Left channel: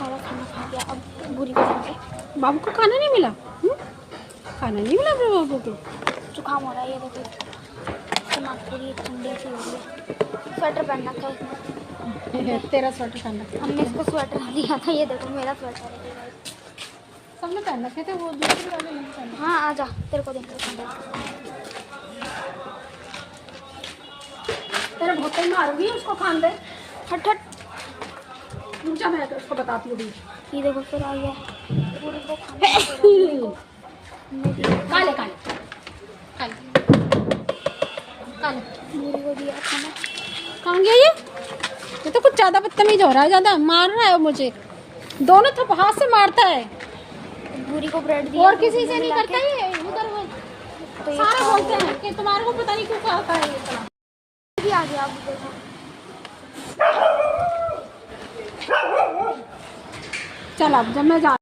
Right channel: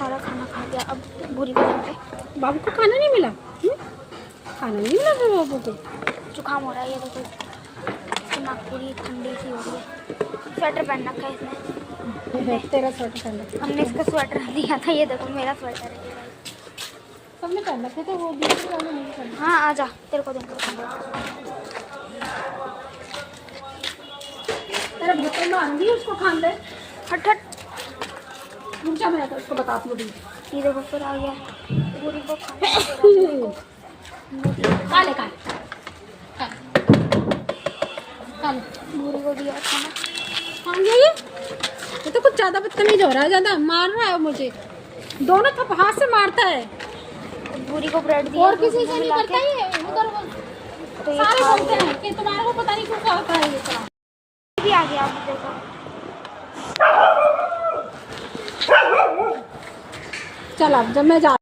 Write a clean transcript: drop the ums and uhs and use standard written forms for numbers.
सारा खाना खा गया। अब भूरी को देंगे। बाबू को खाना नहीं मिला? खाना नहीं मिला बाबू को? जुकाम हो रहा है, ये देखो दिमाग पूरी ठंडी सी हो रही है। स्वेटर पहन रखा है इसने। तेरा स्वेटर पहना। हमने इसका स्वेटर लिया था, ये देखो मेरा स्वेटर है ये भाई। सबने पहन रखे थे वो भी। हाँ आजा, तेरे को देंगे। तेरे बोतल में आऊंगी, उसको खान दे। हट हट, रुक जा, मैं तो उसको बताती हूँ। ये देखो फिर आ गया। पूरी को खाना दे रहा, पूरी को हमने दिया। काले पूरी को दिया खाना। कहाँ गया ये तो कुछ ज्यादा बदतमीज हो रहा है, ज्यादा मार रहा है मुझे। दोनों थप हाथ से मारता है। पूरी को ब्रेड दिया और किसी से नहीं करता ये। उधर तो ये सारे खा बोलते हैं कि तुम्हारे को पता नहीं क्यों करता है ये तरह। भी आ गया। अब देखो चल अब जब मैं जा